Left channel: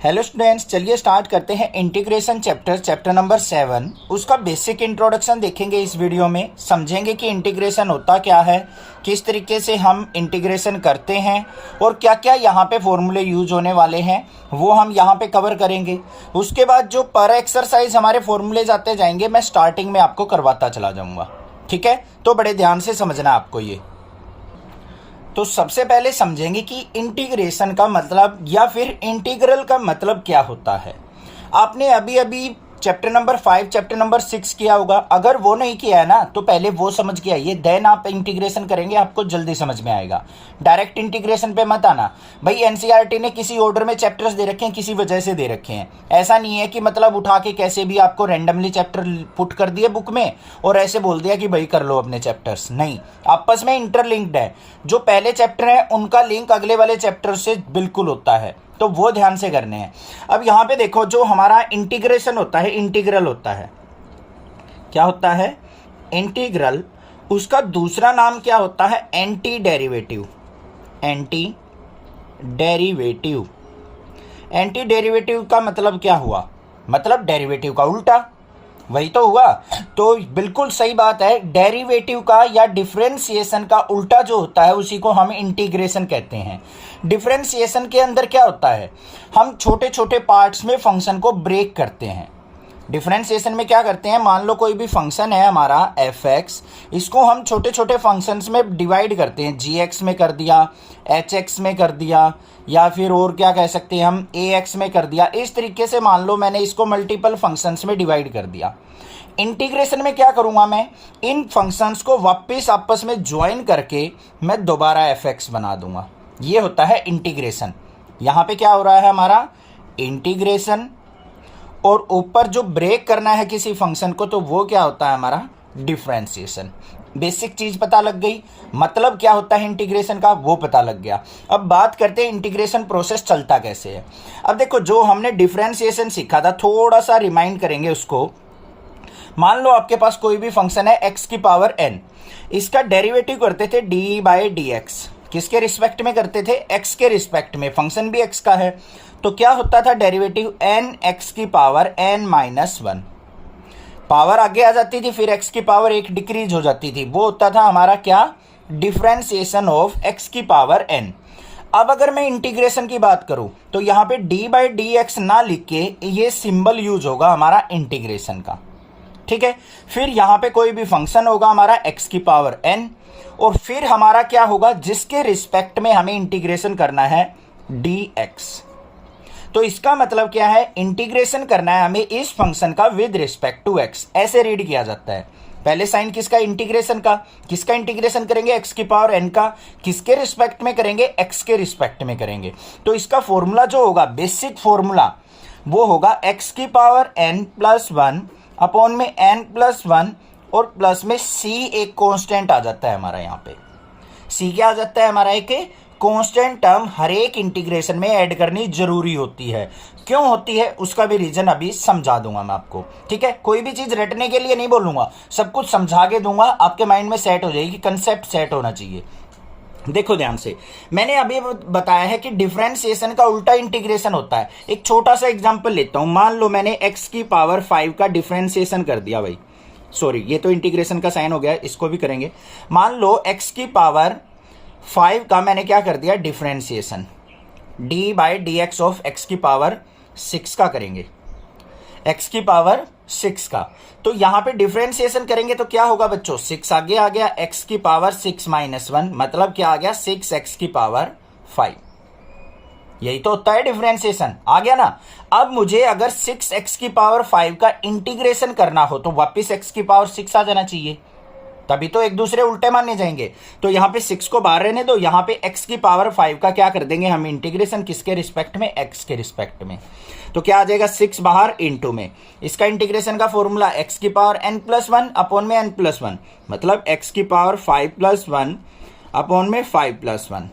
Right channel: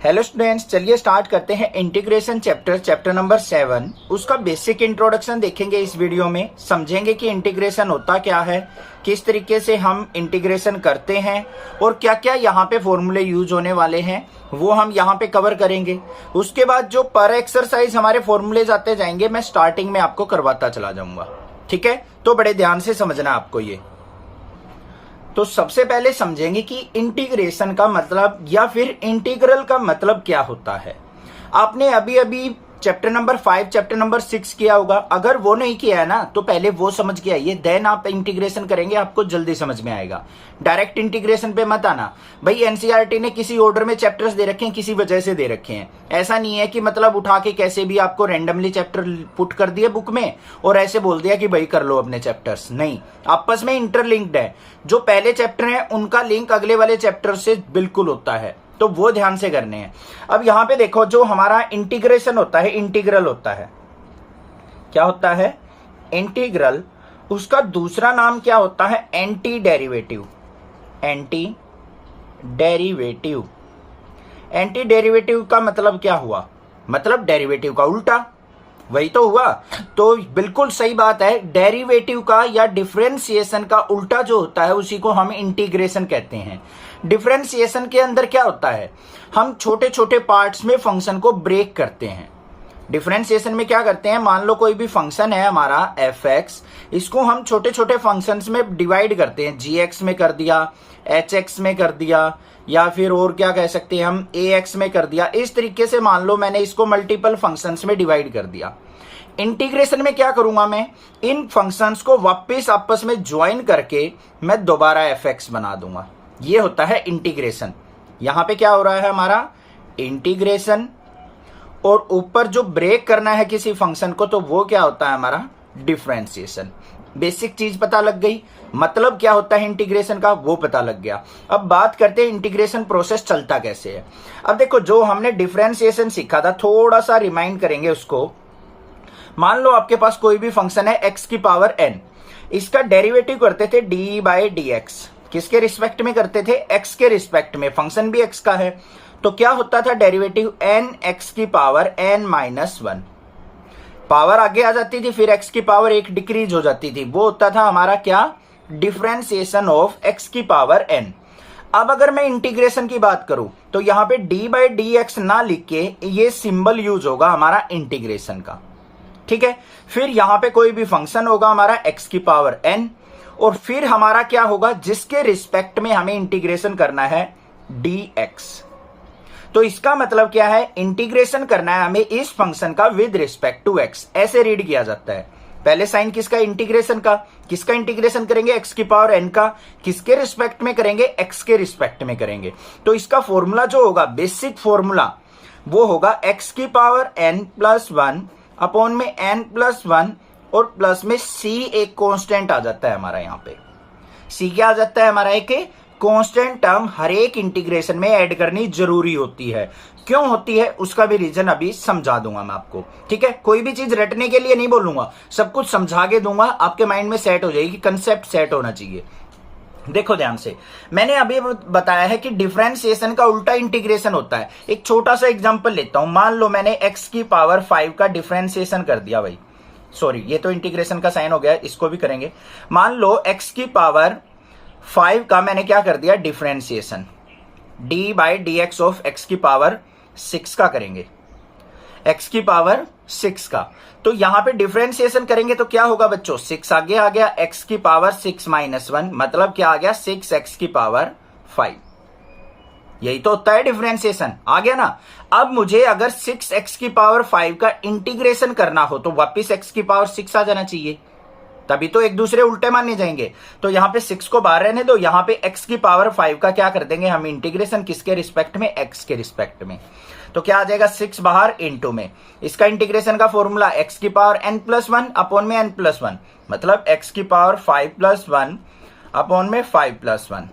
Hello students, चलिए start करते हैं इंटीग्रेशन चैप्टर नंबर 7। उसका बेसिक इंट्रोडक्शन देखेंगे इस वीडियो में। समझेंगे कि इंटीग्रेशन होता क्या है, किस तरीके से हम इंटीग्रेशन करते हैं और क्या क्या यहाँ पे फॉर्मूले यूज होने वाले हैं वो हम यहाँ पे कवर करेंगे। उसके बाद जो पर एक्सरसाइज हमारे फॉर्मूलेज आते जाएंगे मैं स्टार्टिंग में आपको करवाता चला जाऊंगा। ठीक है, तो बड़े ध्यान से समझना आपको ये। तो सबसे पहले समझेंगे कि इंटीग्रेशन का मतलब या फिर इंटीग्रल का मतलब क्या होता है। आपने अभी अभी चैप्टर नंबर 5 चैप्टर नंबर 6 किया होगा। अगर वो नहीं किया है ना तो पहले वो समझ के आइए, देन आप इंटीग्रेशन करेंगे, आपको जल्दी समझ में आएगा। डायरेक्ट इंटीग्रेशन पे मत आना। भाई एनसीईआरटी ने किसी ऑर्डर में चैप्टर्स दे रखे हैं, किसी वजह से दे रखे हैं। ऐसा नहीं है कि मतलब उठा के कैसे भी आपको रैंडमली चैप्टर पुट कर दिए बुक में और ऐसे बोल दिया कि भाई कर लो अपने चैप्टर्स। नहीं, आपस में इंटरलिंक्ड है। जो पहले चैप्टर है उनका लिंक अगले वाले चैप्टर से बिल्कुल होता है, तो वो ध्यान से करने हैं। अब यहां पे देखो, जो हमारा इंटीग्रेशन होता है, इंटीग्रल होता है, क्या होता है? इंटीग्रल। उसका दूसरा नाम क्या होता है? Anti derivative. Anti derivative. Anti derivative का मतलब क्या हुआ? मतलब डेरिवेटिव का उल्टा, वही तो हुआ। तो बिल्कुल सही बात है, डेरिवेटिव का या डिफरेंशिएशन का उल्टा जो होता है उसी को हम इंटीग्रेशन कहते हैं। डिफरेंशिएशन के अंदर क्या होता है? हम छोटे छोटे पार्ट्स में फंक्शन को ब्रेक करते हैं। डिफरेंशिएशन में क्या करते हैं? मान लो कोई भी फंक्शन है हमारा f(x), इसको हम छोटे छोटे फंक्शंस में डिवाइड करते हैं। gx में कर दिया, hx में कर दिया, या फिर और क्या कह सकते हैं हम, ax में कर दिया। इस तरीके से मान लो मैंने इसको मल्टीपल फंक्शंस में डिवाइड कर दिया। इंटीग्रेशन में क्या करूंगा मैं? इन फंक्शंस को वापस आपस में ज्वाइन करके मैं दोबारा f(x) बना दूंगा। ये होता है इंटीग्रेशन। यहां पे क्या हो रहा है हमारा? इंटीग्रेशन। और ऊपर जो ब्रेक करना है किसी फंक्शन को, तो वो क्या होता है हमारा? डिफरेंशिएशन। बेसिक चीज पता लग गई। मतलब क्या होता है इंटीग्रेशन का, वो पता लग गया। अब बात करते हैं इंटीग्रेशन प्रोसेस चलता कैसे है। अब देखो, जो हमने डिफरेंशिएशन सीखा था थोड़ा सा रिमाइंड करेंगे उसको। मान लो आपके पास कोई भी फंक्शन है x की पावर n, इसका डेरिवेटिव करते थे d/dx। किसके रिस्पेक्ट में करते थे? x के रिस्पेक्ट में। फंक्शन भी x का है, तो क्या होता था डेरिवेटिव? n(x की पावर n-1)। पावर आगे आ जाती थी, फिर x की पावर 1 डिक्रीज हो जाती थी। वो होता था हमारा क्या? डिफरेंशिएशन ऑफ x की पावर n। अब अगर मैं इंटीग्रेशन की बात करूं तो यहां पे d/dx ना लिख के ये सिंबल यूज होगा हमारा इंटीग्रेशन का। ठीक है, फिर यहां पे कोई भी फंक्शन होगा हमारा x की पावर n, और फिर हमारा क्या होगा? जिसके रिस्पेक्ट में हमें इंटीग्रेशन करना है, dx। तो इसका मतलब क्या है? इंटीग्रेशन करना है हमें इस फंक्शन का विद रिस्पेक्ट टू x। ऐसे रीड किया जाता है। पहले साइन किसका? इंटीग्रेशन का। किसका इंटीग्रेशन करेंगे? x की पावर n का। किसके रिस्पेक्ट में करेंगे? x के रिस्पेक्ट में करेंगे। तो इसका फॉर्मूला जो होगा, बेसिक फॉर्मूला, वो होगा x की पावर n+1 अपॉन में n+1 और प्लस में c एक कांस्टेंट आ जाता है हमारा। यहाँ पे c क्या आ जाता है हमारा? एक कांस्टेंट टर्म हर एक इंटीग्रेशन में ऐड करनी जरूरी होती है। क्यों होती है उसका भी रीजन अभी समझा दूंगा मैं आपको। ठीक है, कोई भी चीज रटने के लिए नहीं बोलूंगा, सब कुछ समझा के दूंगा, आपके माइंड में सेट हो जाएगी। कंसेप्ट सेट होना चाहिए। देखो ध्यान से, मैंने अभी बताया है कि डिफरेंशिएशन का उल्टा इंटीग्रेशन होता है। एक छोटा सा एग्जांपल लेता हूं। मान लो मैंने x की पावर 5 का डिफरेंशिएशन कर दिया। भाई सॉरी, ये तो इंटीग्रेशन का साइन हो गया, इसको भी करेंगे। मान लो x की पावर 5 का मैंने क्या कर दिया? डिफरेंशिएशन d/dx ऑफ x की पावर 6 का करेंगे, x की पावर 6 का। तो यहां पे डिफरेंशिएशन करेंगे तो क्या होगा बच्चों? 6 आगे आ गया, x की पावर 6-1, मतलब क्या आ गया? 6x की पावर 5। यही तो होता है डिफरेंशिएशन। आ गया ना? अब मुझे अगर 6x की पावर 5 का इंटीग्रेशन करना हो तो वापिस x की पावर 6 आ जाना चाहिए, तभी तो एक दूसरे उल्टे माने जाएंगे। तो यहां पे 6 को बाहर रहने दो, यहां पे x की पावर 5 का क्या कर देंगे हम? इंटीग्रेशन। किसके रिस्पेक्ट में? x के रिस्पेक्ट में। तो क्या आ जाएगा? 6 बाहर इनटू में। इसका इंटीग्रेशन का फॉर्मूला x की पावर n+1 अपॉन में n+1, मतलब x की पावर 5+1 अपॉन में 5+1।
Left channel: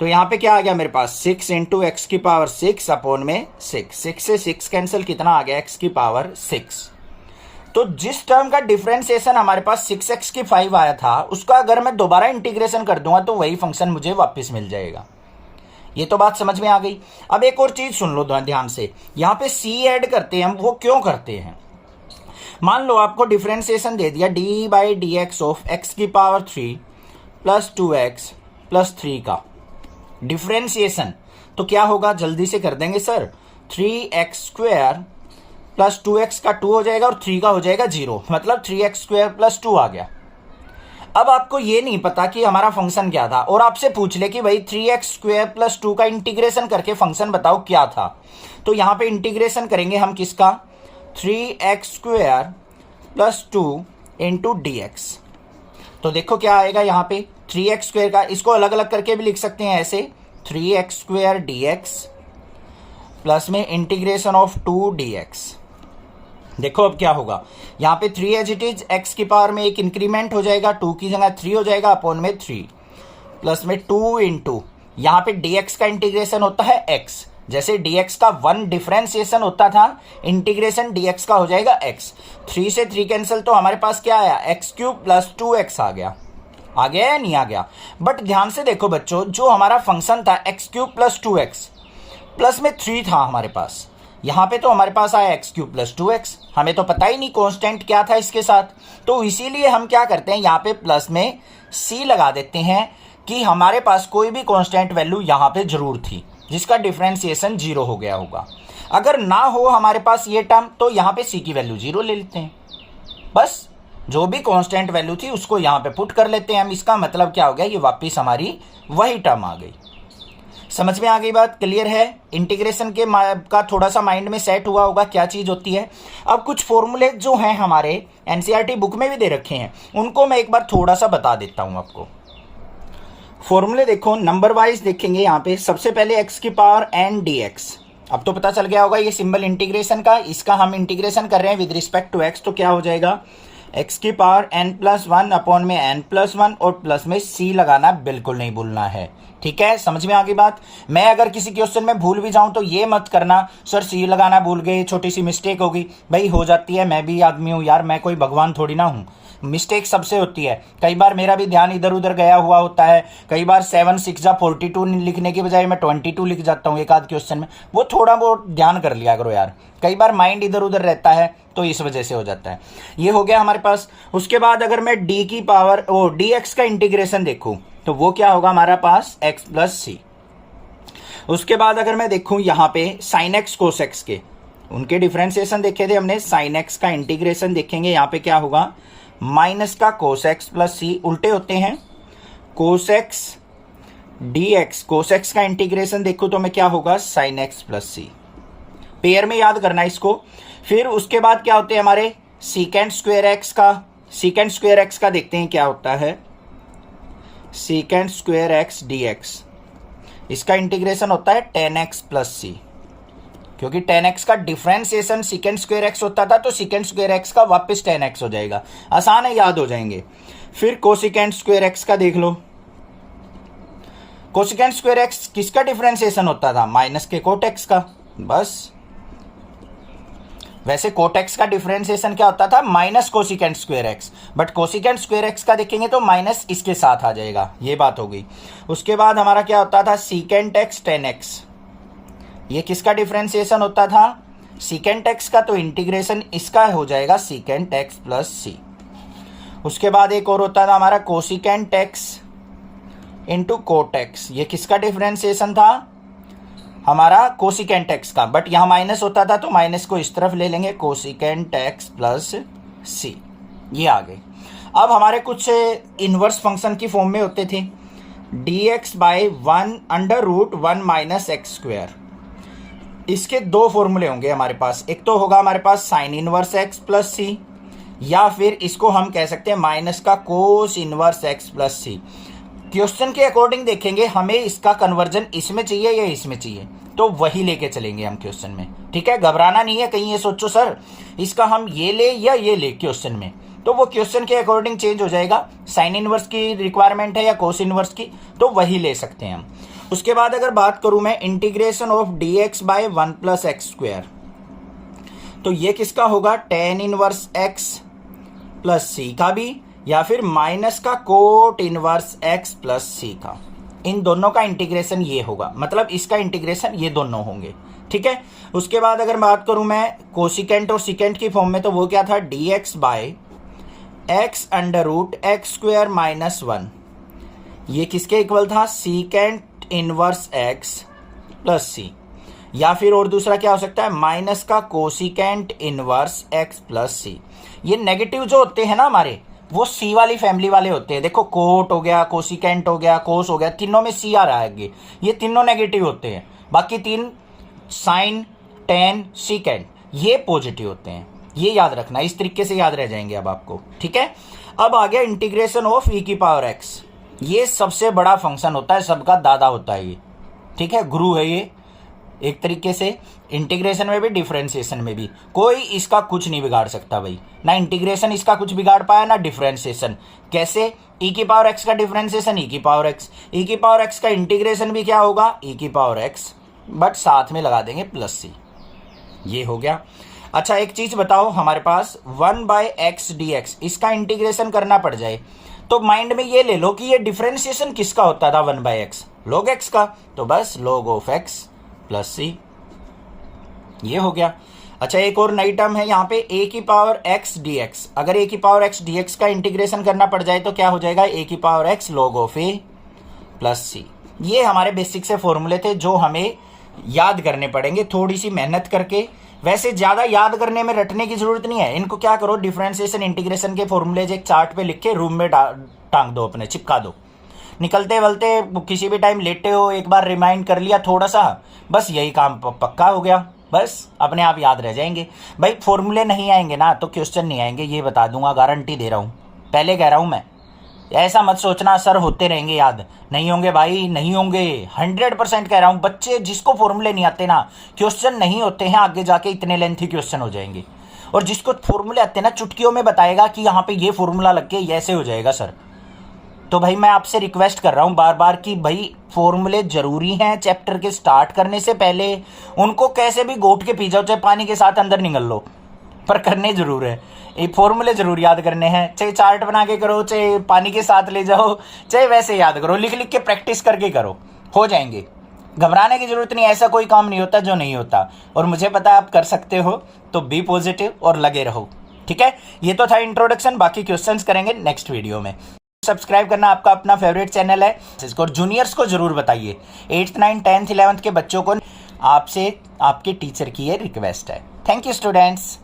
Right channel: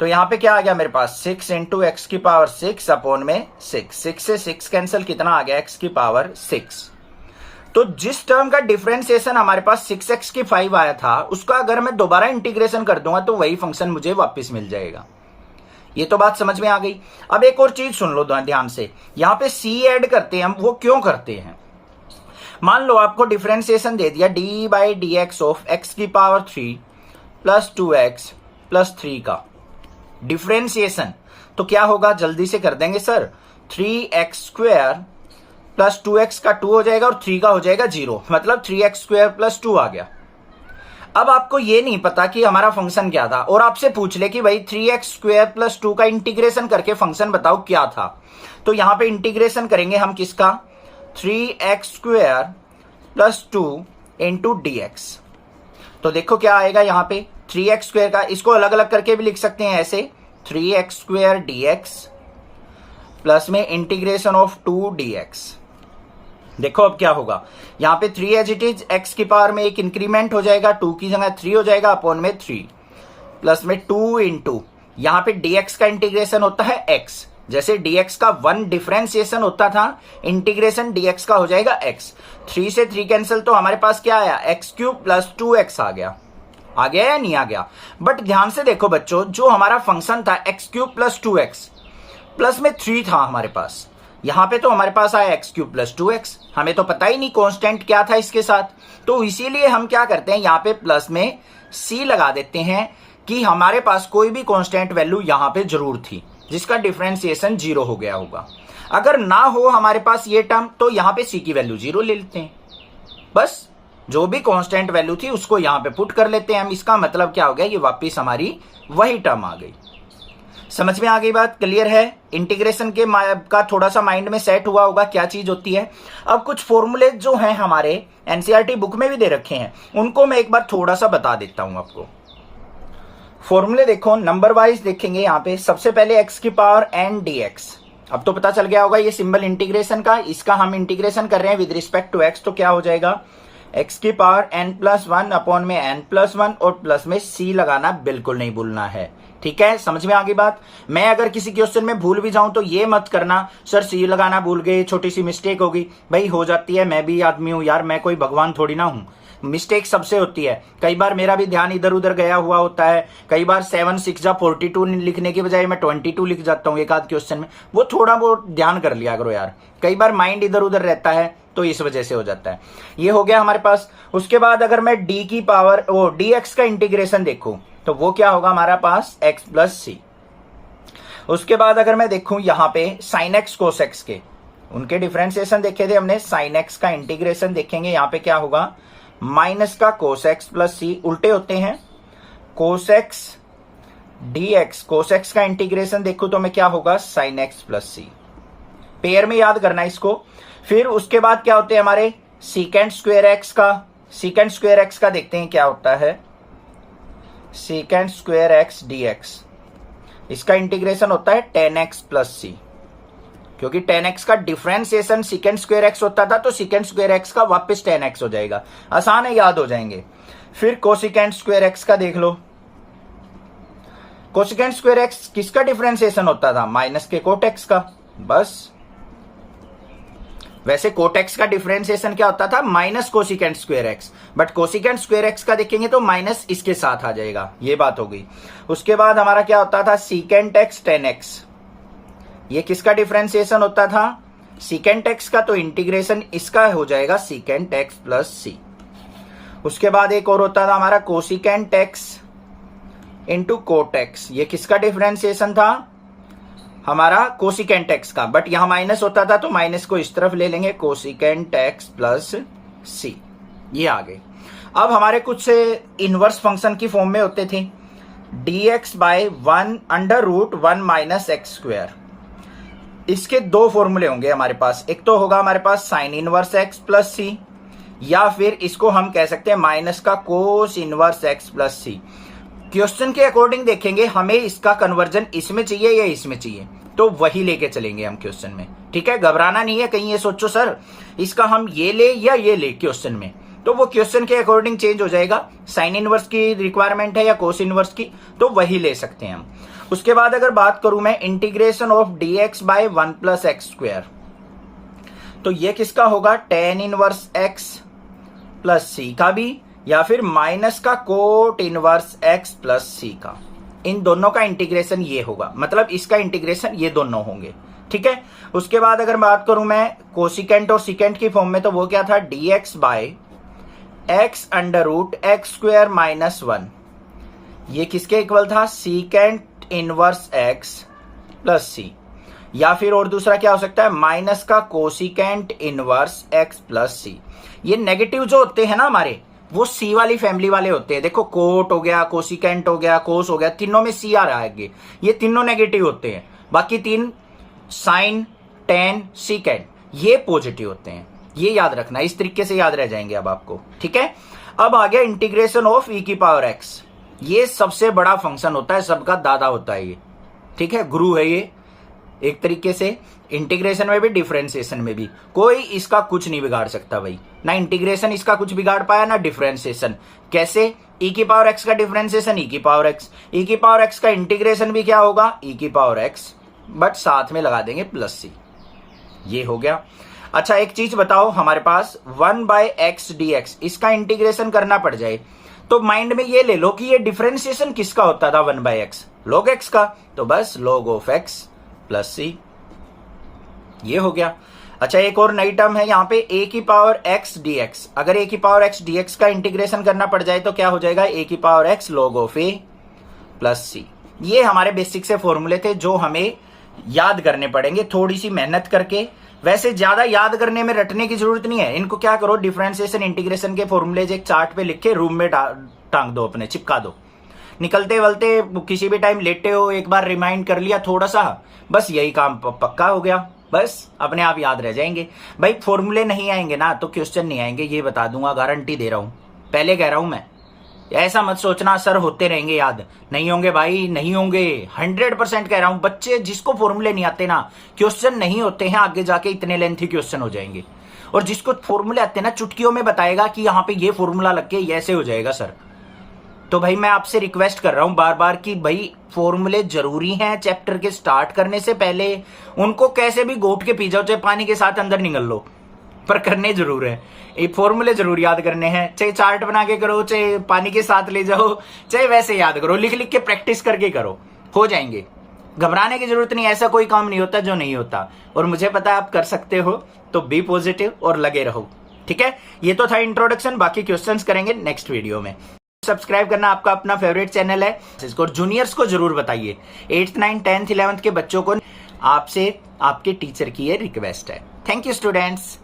तो यहां पे क्या आ गया मेरे पास? 6 इंटू x की पावर 6 अपॉन में 6। 6 से 6 कैंसिल, कितना आ गया? x की पावर 6। तो जिस टर्म का डिफरेंशिएशन हमारे पास 6x की 5 आया था, उसका अगर मैं दोबारा इंटीग्रेशन कर दूंगा तो वही फंक्शन मुझे वापस मिल जाएगा। ये तो बात समझ में आ गई। अब एक और चीज सुन लो ध्यान से, यहाँ पे सी ऐड करते हैं हम, वो क्यों करते हैं? मान लो आपको डिफरेंशिएशन दे दिया D by D x of x की पावर 3 प्लस 2x प्लस 3 का डिफरेंशिएशन, तो क्या होगा? जल्दी से कर देंगे सर। 3x² प्लस 2x का 2 हो जाएगा और 3 का हो जाएगा 0, मतलब 3x² प्लस 2 आ गया। अब आपको ये नहीं पता कि हमारा फंक्शन क्या था, और आपसे पूछ ले कि भाई 3x² प्लस 2 का इंटीग्रेशन करके फंक्शन बताओ क्या था, तो यहां पे इंटीग्रेशन करेंगे हम किसका? 3x² plus 2 into dx। तो देखो क्या आएगा यहां पे 3x² का, इसको अलग अलग करके भी लिख सकते हैं ऐसे, 3x² dx प्लस में इंटीग्रेशन ऑफ 2 dx। देखो अब क्या होगा, यहां पे 3 एज इट इज, x की पावर में एक इंक्रीमेंट हो जाएगा, 2 की जगह 3 हो जाएगा, अपॉन में 3 प्लस में 2 इंटू यहां पे dx का इंटीग्रेशन होता है x, जैसे dx का 1 डिफरेंशिएशन होता था, इंटीग्रेशन dx का हो जाएगा x। 3 से 3 कैंसिल, तो हमारे पास क्या आया? x³ प्लस 2x आ गया या नहीं आ गया? बट ध्यान से देखो बच्चों, जो हमारा फंक्शन था x³ प्लस 2x प्लस में 3 था हमारे पास, यहां पे तो हमारे पास आया x³ प्लस 2x, हमें तो पता ही नहीं कांस्टेंट क्या था इसके साथ, तो इसीलिए हम क्या करते हैं यहां पे प्लस में c लगा देते हैं कि हमारे पास कोई भी कांस्टेंट वैल्यू यहां पे जरूर थी जिसका डिफरेंशिएशन 0 हो गया होगा। अगर ना हो हमारे पास ये टर्म, तो यहां पे c की वैल्यू 0 ले लेते हैं, बस जो भी कांस्टेंट वैल्यू थी उसको यहां पे पुट कर लेते हैं हम। इसका मतलब क्या हो गया, ये वापिस हमारी वही टर्म आ गई। समझ में आ गई बात? क्लियर है? इंटीग्रेशन के का थोड़ा सा माइंड में सेट हुआ होगा क्या चीज होती है। अब कुछ फॉर्मूले जो हैं हमारे एनसीईआरटी बुक में भी दे रखे हैं, उनको मैं एक बार थोड़ा सा बता देता हूं आपको। फॉर्मूले देखो, नंबर वाइज देखेंगे यहाँ पे। सबसे पहले x की पावर n dx, अब तो पता चल गया होगा ये सिंबल इंटीग्रेशन का, इसका हम इंटीग्रेशन कर रहे हैं विद रिस्पेक्ट टू x, तो क्या हो जाएगा? x की पावर n+1 अपॉन में n+1 और प्लस में c लगाना बिल्कुल नहीं भूलना है। ठीक है, समझ में आ गई बात? मैं अगर किसी क्वेश्चन में भूल भी जाऊं तो ये मत करना सर c लगाना भूल गए, छोटी सी मिस्टेक होगी। भाई हो जाती है, मैं भी आदमी हूं यार, मैं कोई भगवान थोड़ी ना हूं, मिस्टेक सबसे होती है। कई बार मेरा भी ध्यान इधर उधर गया हुआ होता है, कई बार 7 6 जा 42 लिखने के बजाय मैं 22 लिख जाता हूँ एक आध क्वेश्चन में, वो थोड़ा बहुत ध्यान कर लिया करो यार, कई बार माइंड इधर उधर रहता है तो इस वजह से हो जाता है। ये हो गया हमारे पास। उसके बाद अगर मैं डी की पावर dx का इंटीग्रेशन देखूं तो वो क्या होगा हमारा पास? x प्लस सी। उसके बाद अगर मैं देखूं यहाँ पे साइन एक्स कोस एक्स के, उनके डिफरेंशिएशन देखे थे हमने, साइन एक्स का इंटीग्रेशन देखेंगे, यहाँ पे क्या होगा? माइनस का कोस एक्स प्लस सी, उल्टे होते हैं, cos x dx, cos x का इंटीग्रेशन देखो तो मैं क्या होगा? साइन एक्स प्लस सी। पेयर में याद करना इसको। फिर उसके बाद क्या होते हैं हमारे? सीकेंट स्क्वायर एक्स का, सीकेंट स्क्वायर एक्स का देखते हैं क्या होता है? सीकेंट स्क्वायर एक्स dx, इसका इंटीग्रेशन होता है tan x प्लस सी, क्योंकि tan x का डिफरेंशिएशन सीकेंट स्क्वायर एक्स होता था, तो सीकेंट स्क्वायर एक्स का वापस tan x हो जाएगा। आसान है, याद हो जाएंगे। फिर कोसिकेंट स्क्वायर एक्स का देख लो, कोसिकेंट स्क्वायर एक्स किसका डिफरेंशिएशन होता था? माइनस के कोट एक्स का, बस। वैसे कोट एक्स का डिफरेंशिएशन क्या होता था? Minus cosecant square x, but cosecant square x का देखेंगे तो माइनस इसके साथ आ जाएगा, ये बात हो गई। उसके बाद हमारा क्या होता था? सीकेंट एक्स tan x, ये किसका डिफरेंशिएशन होता था? सीकेंट एक्स का, तो इंटीग्रेशन इसका हो जाएगा सीकेंट एक्स प्लस सी। उसके बाद एक और होता था हमारा cosecant x into cot x, ये किसका डिफरेंशिएशन था? हमारा कोसिकेंट एक्स का, बट यहां माइनस होता था तो माइनस को इस तरफ ले लेंगे, कोसिकेंट एक्स प्लस सी, ये आ गए। अब हमारे कुछ इनवर्स फंक्शन की फॉर्म में होते थे, dx by 1/√1 minus x square. इसके दो फॉर्मूले होंगे हमारे पास, एक तो होगा हमारे पास sine inverse x plus c, या फिर इसको हम कह सकते हैं माइनस का कोस इनवर्स एक्स प्लस सी। क्वेश्चन के अकॉर्डिंग देखेंगे हमें इसका कन्वर्जन इसमें चाहिए या इसमें चाहिए, तो वही लेके चलेंगे हम क्वेश्चन में। ठीक है, घबराना नहीं है, कहीं ये सोचो सर इसका हम ये ले या ये ले क्वेश्चन में, तो वो क्वेश्चन के अकॉर्डिंग चेंज हो जाएगा। साइन इनवर्स की रिक्वायरमेंट है या कोस इनवर्स की, तो वही ले सकते हैं हम। उसके बाद अगर बात करूं मैं integration of dx by 1 plus x square, तो ये किसका होगा? tan inverse x plus c का भी, या फिर माइनस का cot inverse x plus c का। इन दोनों का इंटीग्रेशन ये होगा, मतलब इसका इंटीग्रेशन ये दोनों होंगे। ठीक है, उसके बाद अगर बात करूं मैं कोसिकेंट और सिकेंट की फॉर्म में, तो वो क्या था, dx by x under root x square minus 1। ये किसके इक्वल था, secant inverse x plus c, या फिर और दूसरा क्या हो सकता है, माइनस का cosecant inverse x plus C. ये नेगेटिव जो होते हैं ना हमारे, वो सी वाली फैमिली वाले होते हैं। देखो कोट हो गया, कोसिकेंट हो गया, कोस हो गया, तीनों में सी आ रहा है, ये तीनों नेगेटिव होते हैं। बाकी तीन साइन, टेन, सीकेंट ये पॉजिटिव होते हैं। ये याद रखना, इस तरीके से याद रह जाएंगे अब आपको। ठीक है, अब आ गया इंटीग्रेशन ऑफ e की पावर x। ये सबसे बड़ा फंक्शन होता है, सबका दादा होता है ये। ठीक है, गुरु है ये एक तरीके से, इंटीग्रेशन में भी डिफरेंशिएशन में भी। कोई इसका कुछ नहीं बिगाड़ सकता भाई, ना इंटीग्रेशन इसका कुछ बिगाड़ पाया, ना डिफरेंशिएशन। कैसे, e की पावर x का डिफरेंशिएशन e की पावर x, e की पावर x का इंटीग्रेशन भी क्या होगा, e की पावर x, बट साथ में लगा देंगे प्लस सी। ये हो गया। अच्छा एक चीज बताओ, हमारे पास 1/x dx, इसका इंटीग्रेशन करना पड़ जाए तो माइंड में ये ले लो कि ये डिफरेंशिएशन किसका होता था, 1/x log x का, तो बस log of x plus C. ये हो गया। अच्छा एक और नई टर्म है यहाँ पे, a की पावर x dx। अगर a की पावर x dx का इंटीग्रेशन करना पड़ जाए तो क्या हो जाएगा, a की power x log of a plus C. ये हमारे बेसिक से फॉर्मूले थे जो हमें याद करने पड़ेंगे थोड़ी सी मेहनत करके। वैसे ज्यादा याद करने में रटने की जरूरत नहीं है, इनको क्या करो, डिफरेंशिएशन इंटीग्रेशन के फॉर्मूले एक चार्ट पे लिख के रूम में टांग दो, अपने चिपका दो। निकलते वलते किसी भी टाइम लेटे हो, एक बार रिमाइंड कर लिया थोड़ा सा, बस यही काम पक्का हो गया, बस अपने आप याद रह जाएंगे। भाई फॉर्मूले नहीं आएंगे ना तो क्वेश्चन नहीं आएंगे, ये बता दूंगा, गारंटी दे रहा हूं, पहले कह रहा हूं मैं। ऐसा मत सोचना सर होते रहेंगे याद, नहीं होंगे भाई, नहीं होंगे, 100% कह रहा हूं। बच्चे जिसको फॉर्मूले नहीं आते ना, क्वेश्चन नहीं होते हैं आगे जाके, इतने लेंथी क्वेश्चन हो जाएंगे। और जिसको फॉर्मूले आते हैं ना, चुटकियों में बताएगा कि यहाँ पे ये फॉर्मूला लग के ऐसे हो जाएगा सर। तो भाई मैं आपसे रिक्वेस्ट कर रहा हूं बार बार कि भाई फॉर्मूले जरूरी हैं चैप्टर के स्टार्ट करने से पहले, उनको कैसे भी घोट के पी जाओ, चाहे पानी के साथ अंदर निगल लो, पर करने जरूर है। ये फॉर्मूले जरूर याद करने हैं, चाहे चार्ट बना के करो, चाहे पानी के साथ ले जाओ, चाहे वैसे याद करो, लिख लिख के प्रैक्टिस करके करो, हो जाएंगे। घबराने की जरूरत नहीं, ऐसा कोई काम नहीं होता जो नहीं होता, और मुझे पता है आप कर सकते हो। तो बी पॉजिटिव और लगे रहो। ठीक है, ये तो था इंट्रोडक्शन, बाकी क्वेश्चंस करेंगे नेक्स्ट वीडियो में। सब्सक्राइब करना आपका अपना फेवरेट चैनल है, इसको जूनियर्स को जरूर बताइए, 8th 9th 10th 11th के बच्चों को आपसे आपके टीचर की ये रिक्वेस्ट है। Thank you students.